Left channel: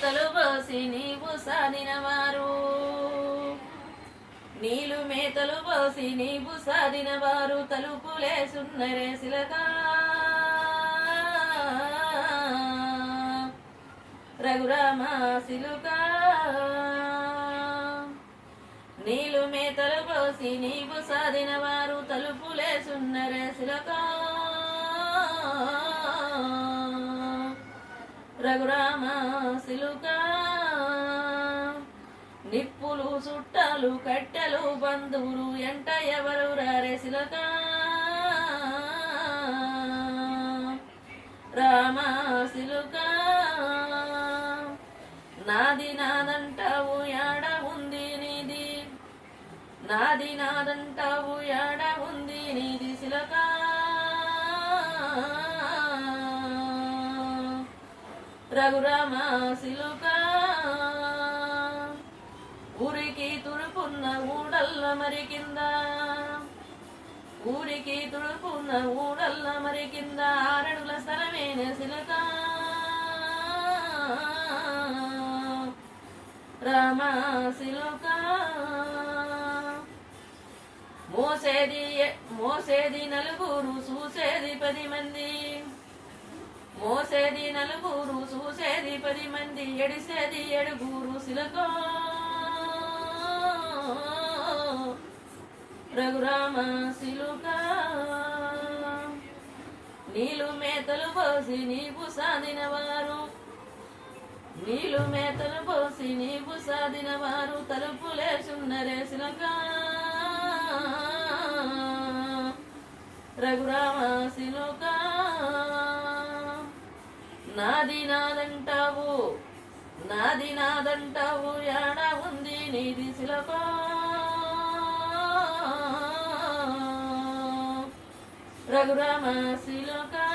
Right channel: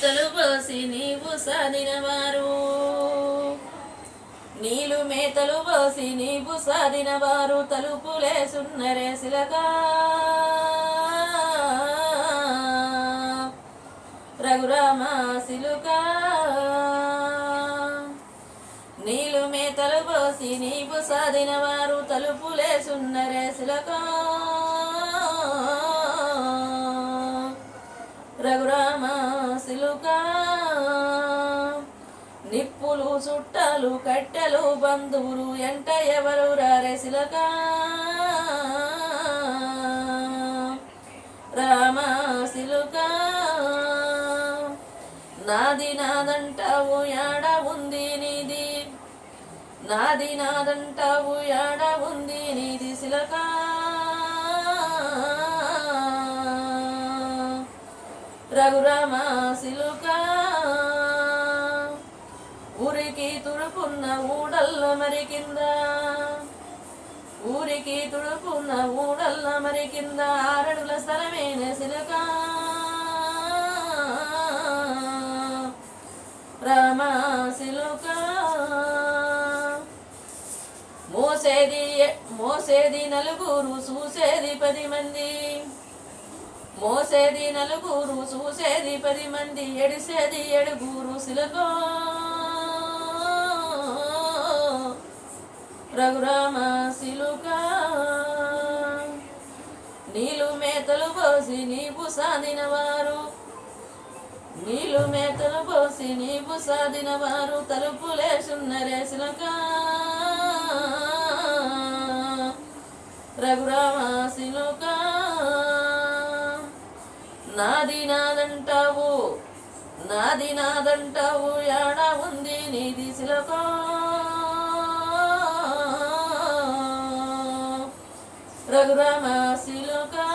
మేతలు పోసి నీవు సాధినవారు నీలు మేతలు పోసి నీవు సాధినవారు తలుపులేసున్నరే శిలకా రఘురామ సిలుకా నీలు మేతలు పోసి నీవు సాధినవారు తలుపులేసున్నరే శిలకా రఘురామ సిలుకా నిప్పులు చుట్టాలు కట్టెలు బంధువులు ఎంట ఎవరు రారే శిలకా రామ సిలుకా నాది నాదంటావు యాడ ఉంది నీది నాది నాదంటావు యాడ ఉంది నీది శిలకా రఘురామ సిలుకా ఊరికి తుడుపున్న ఊడల్ల మరి కింద ఊరికి తుడుపున్న ఊడల్ల మరి కింద ఆరడుల స్థలమేన శిలకా రామ సిలుకా మోసేది నలుగురు చూసేది 10 మంది మోసేది నలుగురు చూసేది 10 మంది ఎడిసేది 7గురు శిలకా రఘురామ సిలుకా నీలు మేతలు పోసి నీవు సాధినవారు నీలు మేతలు పోసి నీవు సాధినవారు తలుపులేసున్నరే శిలకా రఘురామ సిలుకా నాది నాదంటావు నాది నాదంటావు యాడ ఉంది నీది శిలకా రఘురామ సిలుకా